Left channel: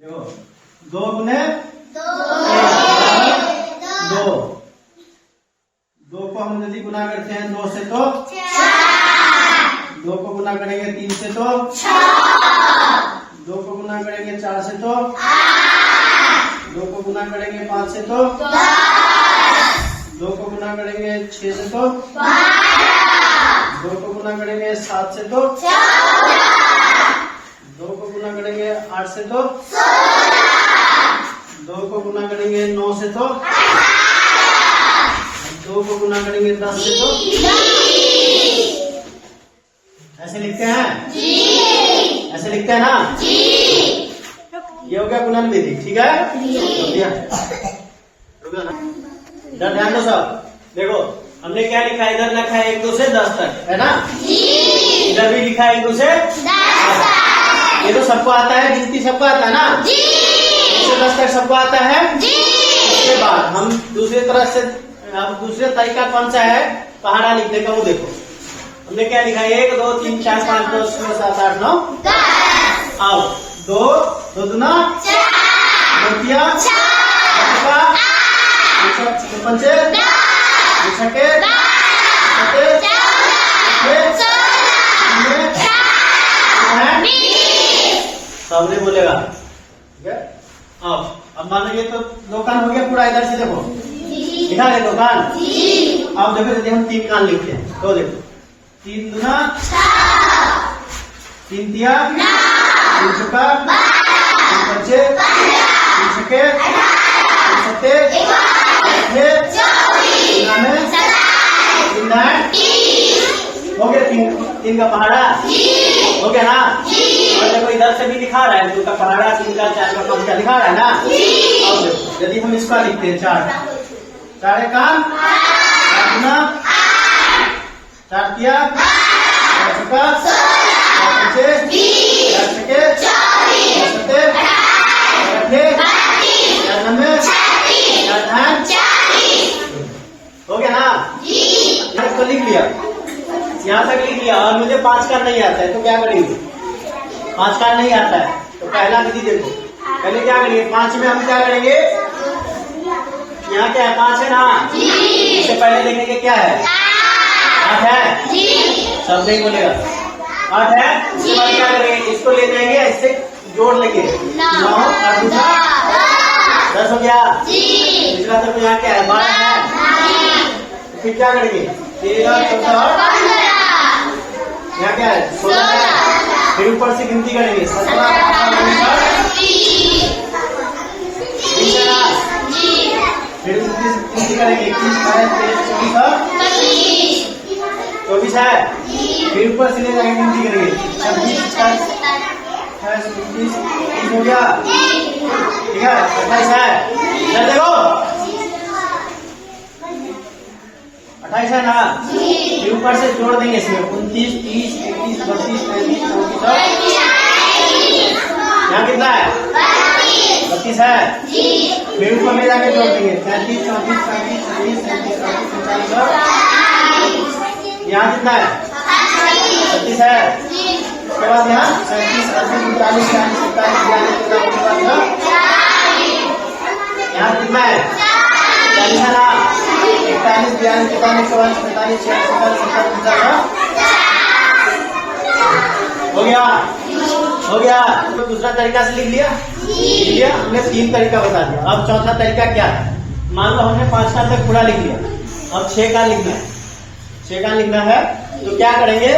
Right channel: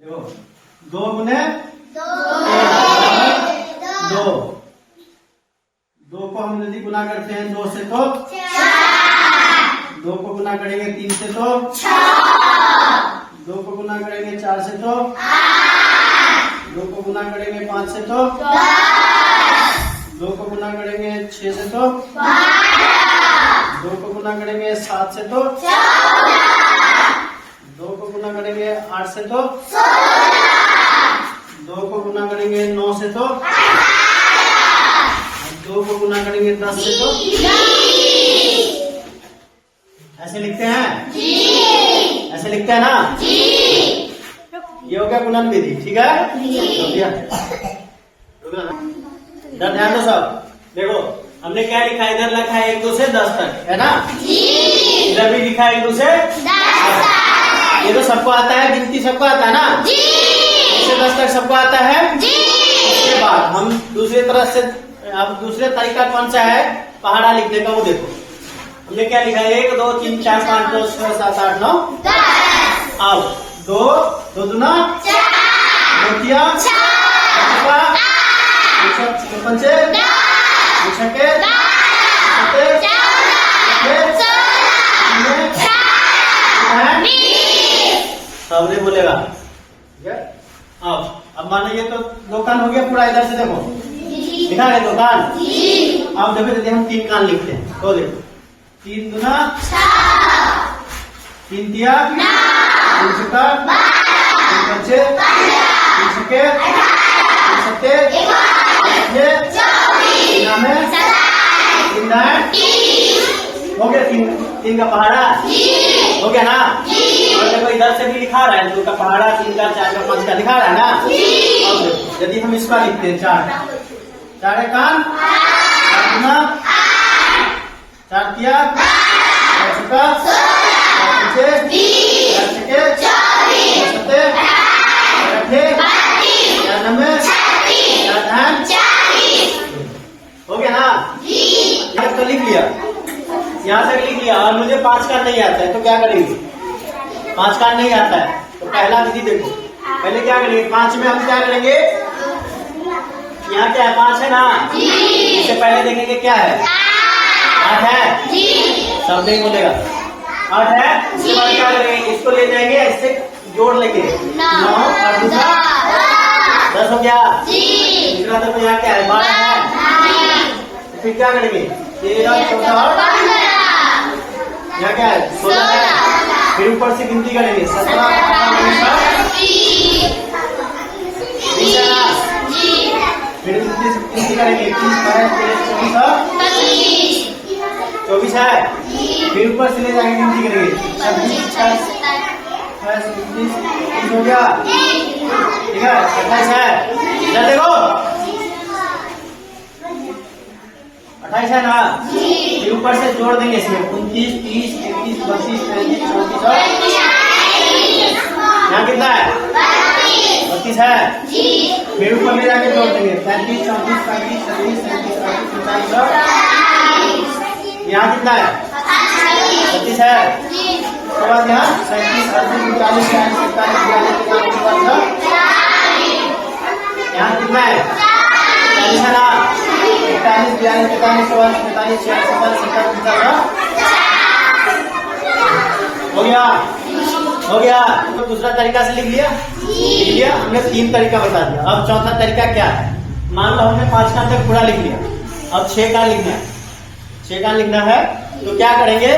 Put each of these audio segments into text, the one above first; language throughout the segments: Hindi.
देखो 2 गुने 2 2 को हम यदि गुना करते हैं 2 से तो 2 को गुना करेंगे 3 से तो 2 को गुना करेंगे 4 से तो 2 को गुना करेंगे 5 से तो 2 को गुना करेंगे 6 से तो 2 को गुना करेंगे 7 से तो 2 को गुना करेंगे 8 से तो 2 को गुना करेंगे 9 से तो 2 को गुना करेंगे 10 से तो ऐसे लिखते हैं ऐसे लिखते हैं ना। ये हो गया गुणन विधि, ठीक है। ध्यान दो सब, देखो हमने क्या लिखा है, इधर लिखा है 1 2 से 10 तक, है ना। इधर भी लिखा है 1 2 से 10। ये तो सबको आता है, गिनती सबको आता है ना। 1 से 10 तक सबको आता है। इसके बाद हम दूसरी तरह से, अब दूसरा तरीका कौन सा है पहाड़ा लिखने का, वो देखो हमने क्या लिखा है 1 2 3 4 5 6 7 8 9 10। आओ 2 2 दूना 4 2 6 पंचे 6 बोलेगा, ठीक है। अब मान लो ये तो दुकान हो गया पूरा, इधर से देखो लिखा है दुकान। अब देखो यदि हम 3 कान लिखते हैं तो देखो 3 दूना 3 तिया 3 छक्का 3 पंचे 3 छक्के 3 सत्ते 3 हो गया। 3 का पहाड़ा हो गया ना। अगर कोई इधर से भी लिखा रहा है 2 का पहाड़ा 3 का 4 का 5 का लिखा रहा है ना। अब यदि हम इसका लिखते हैं 4 कान 4 गुना 4 तिया 4 छक्का 4 पंचे 4 छक्के 4 सत्ते 4 नब्बे 4 धान हो गया ना। यहाँ तो लिख लिया, यहाँ तक लिख लिया और मुझे 5 का नहीं आता है तो क्या करेंगे, 5 का नहीं आता है तो पहला विधि देखो, पहले क्या करेंगे 5 में हम क्या करेंगे, यहाँ क्या है 5 है ना। इससे पहले देखेंगे क्या है 8 है, सब नहीं बोलेगा 8 है। इसके बाद क्या करेंगे, इसको ले जाएंगे, इससे जोड़ लेंगे 9 और 10 हो गया। इसके बाद तो यहाँ क्या है 12 है। फिर क्या करेंगे 13 14 यहाँ क्या है 16। फिर ऊपर से गिनती करेंगे 17 18 फिर गिनती करेंगे 21 22 23 24 है। फिर ऊपर से ले जाएंगे गिनती करेंगे 26 27 हो गया, ठीक है। 28 है, देखो 28 है ना। फिर ऊपर से जोड़ देंगे इसमें 29 30 31 32 33 34 यहाँ कितना है 32 है। फिर ऊपर में जाके जोड़ देंगे 35 34 35 36 37 38 39 यहाँ कितना है 36 है। उसके बाद यहाँ 37 38 39 40 41 42 यहाँ कितना है 40 है ना। 41 42 43 44 45 46 47 हो गया, हो गया। तो दूसरा तरीका से लिख लिया हमने 3 तरीका बता दिया। अब चौथा तरीका क्या है, मान लो हमने 5 कान तक पूरा लिख लिया, अब 6 कान लिखना है। 6 कान लिखना है तो क्या करेंगे,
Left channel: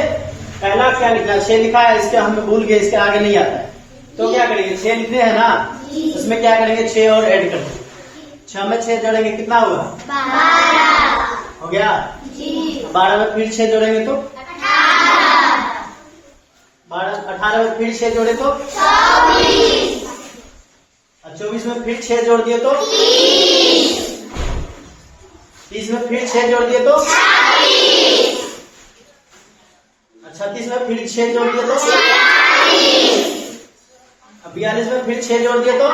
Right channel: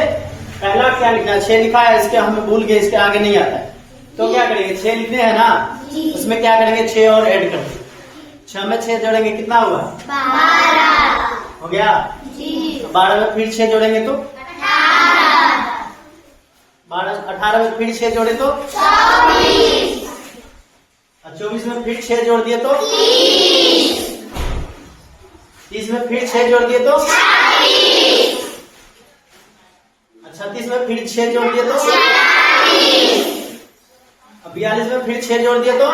पहला क्या लिखना है 6 लिखा है, इसके हम भूल गए, इसके आगे नहीं आता है तो क्या करेंगे 6 लिखने हैं ना, उसमें क्या करेंगे 6 और ऐड कर देंगे। 6 में 6 जोड़ेंगे कितना हुआ 12 हो गया। 12 में फिर 6 जोड़ेंगे तो 18 में फिर 6 जोड़े तो 24 में फिर 6 जोड़ दिए तो 30 में फिर 6 जोड़ दिए तो 36 में फिर 6 जोड़ दिए तो 42 में फिर 6 जोड़ दिए तो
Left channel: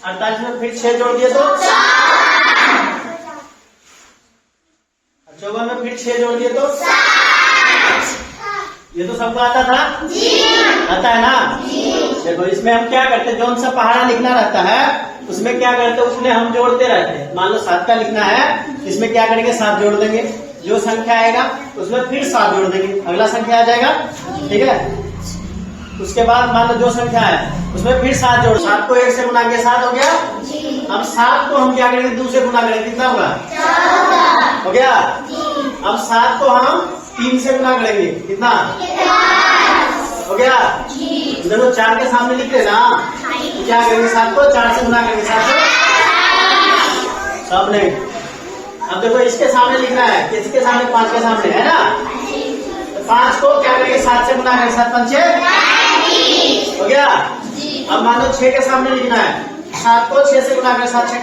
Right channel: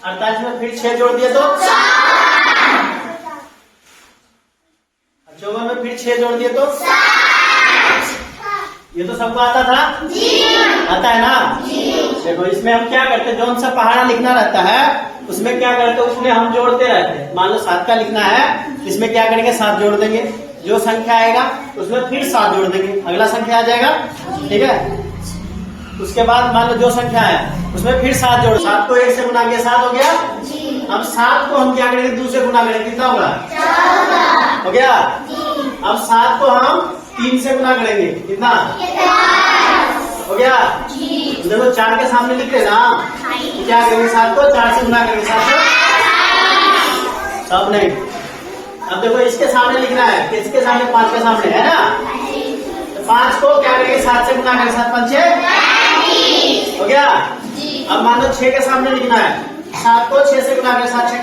48 में फिर 6 जोड़ दिए तो 54 में फिर 6 जोड़ दिए तो ये तो सबको आता था, आता है ना। देखो इसमें हम क्या करते हैं, जो हमसे पहाड़ा लिखना रहता है उसमें क्या करते हैं, उसमें हम जोड़ते रहते हैं। मान लो 7 का लिखना है, इसमें क्या करेंगे 7 जोड़ देंगे, जो संख्या आएगा उसमें फिर 7 जोड़ देंगे, अगला संख्या आ जाएगा। ठीक है, उसके बाद मान लो जो संख्या है उसमें फिर 7 जोड़, 7 को 1 से गुना के 7 हो गया। अब 7 को हम क्या करेंगे 2 से गुना करेंगे, कितना होगा, हो गया। अब 7 को हम 3 से गुना करेंगे, कितना हो गया। देखो 4 के सामने लिख लेना, क्या करेंगे 7 को 4 से गुना करेंगे, 7 सामने। अब देखो इसके सामने लिखना है, तो इसके सामने 5 के सामने है ना, 5 को क्या करेंगे 7 से गुना करेंगे, 7 5 6 हो गया। अब मान लो 6 के सामने लिखना है, 7 को 6 से गुना करेंगे, 7 6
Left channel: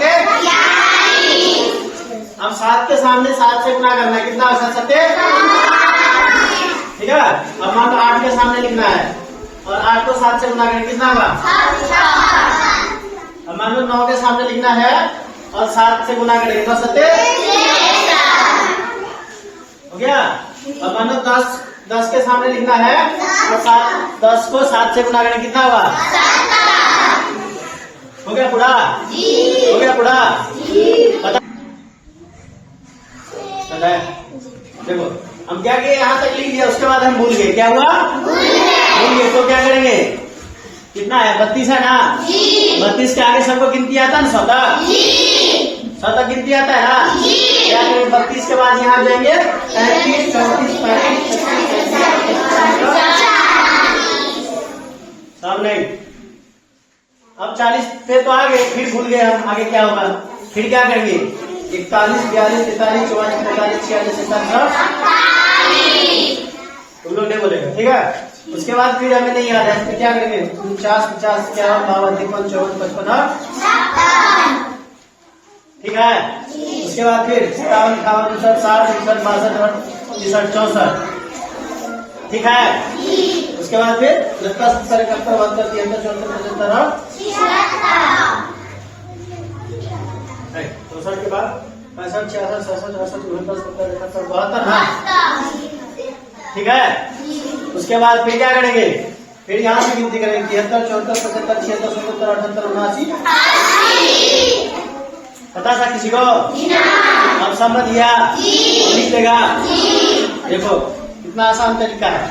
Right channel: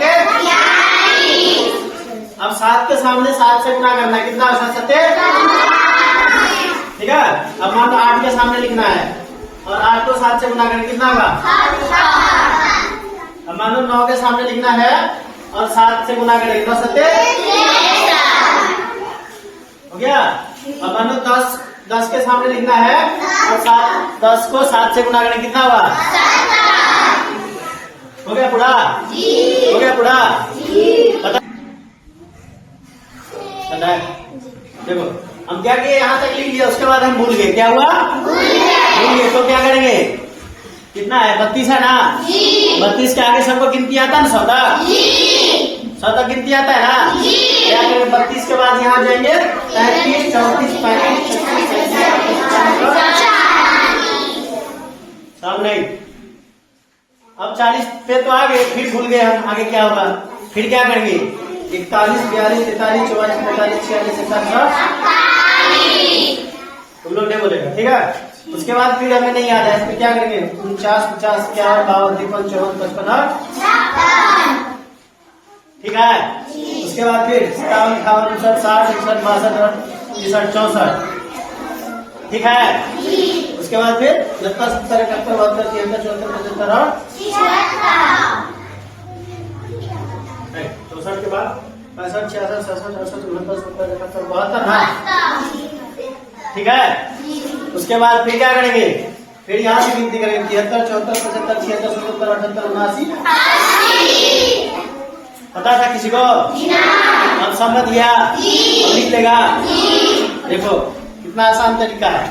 अब 7 के सामने 7 से गुना करना है, कितना होगा 7 ठीक है। अब मान लो 8 के सामने लिखना है और 8 को 7 से गुना करेंगे, कितना होगा। अब मान लो 9 के सामने लिखना है और 7 से गुना करेंगे, कितना 7 हो गया। अब मान लो 10 के सामने लिखना है और 10 को 7 से गुना करेंगे, कितना होगा, हो गया पूरा, हो गया पूरा। देखो हम क्या किए, यहाँ तक लिख दिया, उसके बाद हम भूल गए, क्या हुआ, भूल गए। तो क्या करेंगे, कितना है 32 है ना, 32 के आगे सबको गिनती आता है ना, 100 तक गिनती आता है ना। क्या करेंगे 32 के बाद यहाँ जाएंगे 35 34 सामने। अब 40 पे तो आ गए, फिर भूल गए हम, आगे क्या होगा, फिर क्या करेंगे 41 42 43 44 45 46 47 तुम लोग नहीं बोलेगा, ठीक है। उसके बाद फिर हमें नहीं याद है, इसमें क्या करेंगे 49 50 51 52 53 54 55 ठीक है। उसके बाद फिर 57 58 59 60 61 62 63 ठीक है। उसके बाद फिर 70 70 71 72 73 74 64 के बाद 65 66 67 68 69 70 71 72 ठीक है। उसके बाद फिर क्या करेंगे, फिर यहाँ से गिनती करेंगे 73 74 75 76 77 78 79 पता था किसी को, अब समझ लिया, लिख लेगा। देखो कितना आसान तरीका है,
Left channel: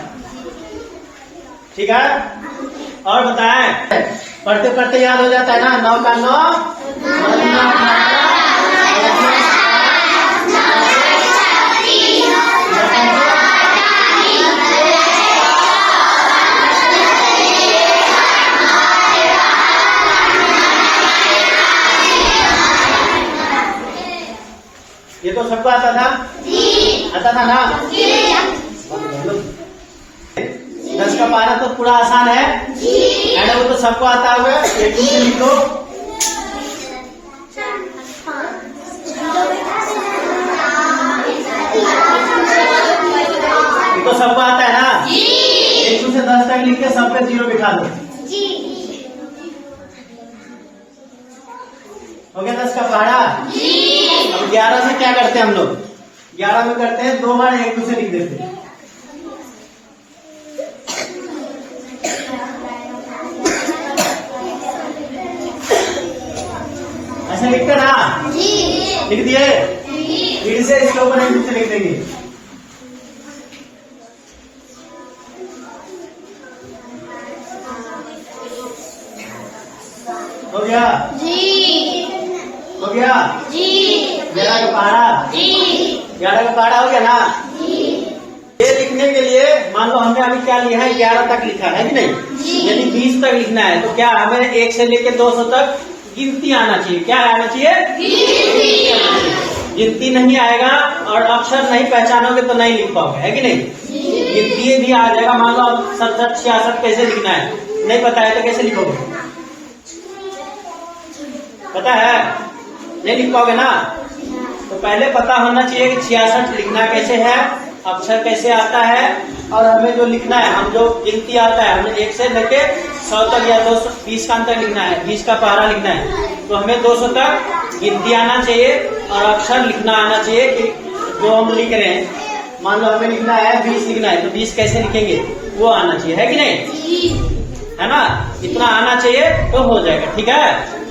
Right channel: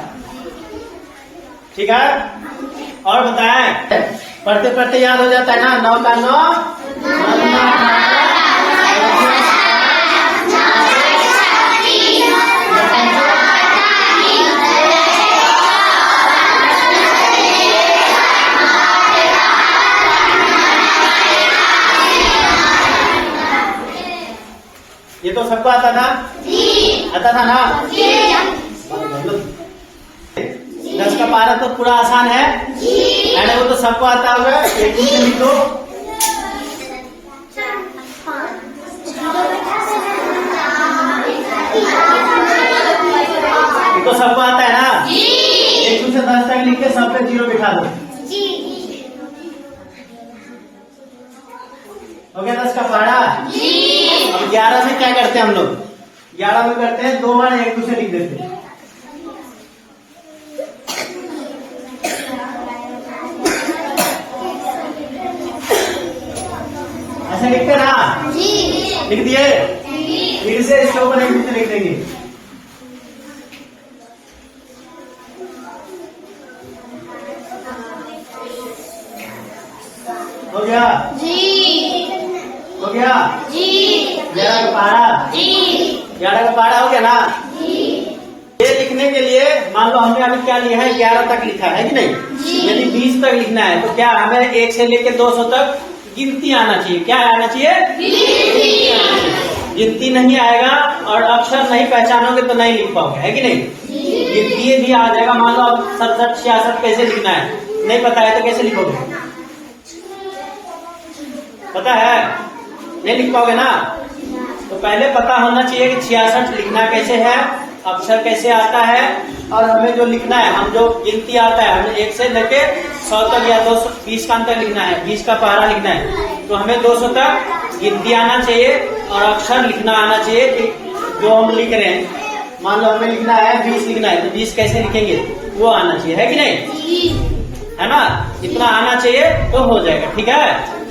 ठीक है। और बताएं, पढ़ते पढ़ते याद हो जाता है ना, 9 का 9 ये तो सबको आता था, आता था ना। 10 का 12 तो पूरा आसान है, अरे वो तो सबको आता होगा, एक दिन से लिखो। देखो सबको आता है ना, 1 से 10 तक लिख के सब पे 0 बिठा दो, हो गया 10 का 12। अब 11 में क्या करते हैं हम लोग, 11 में करते हैं 2 बार 1 2 से लिख देते हैं, ऐसा लिखते ना, लिख दिए, फिर से इसके ऊपर 1 2 से लिख देंगे। हो गया हो गया 11 का 12 11 का 12 हो गया ना। ये लिखने के लिए मान लो हमने अभी क्या लिखा है, 11 तक लिखा है कि नहीं। यदि 20 तक लिखना है तो क्या हमें 1 से लेकर 200 तक गिनती आना चाहिए, क्या आना चाहिए, गिनती नहीं आएगा और अक्षर नहीं पहचानोगे तो नहीं लिख पाओगे, है कि नहीं। गिनती भी आ जाएगा, मान लो 67 66 कैसे लिखना है नहीं पता है तो कैसे लिखोगे, पता है नहीं लिख पाओगे ना। तो पहले पता होना चाहिए कि 66 लिखना कैसे है, अक्षर कैसे आता है, और हमें जो लिखना है, हम जो गिनती आता है हमें 1 से लेके 100 तक या 220 का अंतर लिखना है, 20 का पहाड़ा लिखना है, तो हमें 200 तक गिनती आना चाहिए और अक्षर लिखना आना चाहिए जो हम लिख रहे हैं। मान लो हमें लिखना है 20 लिखना है, तो 20 कैसे लिखेंगे वो आना चाहिए, है कि नहीं? है ना? इतना आना चाहिए तो हो जाएगा, ठीक है।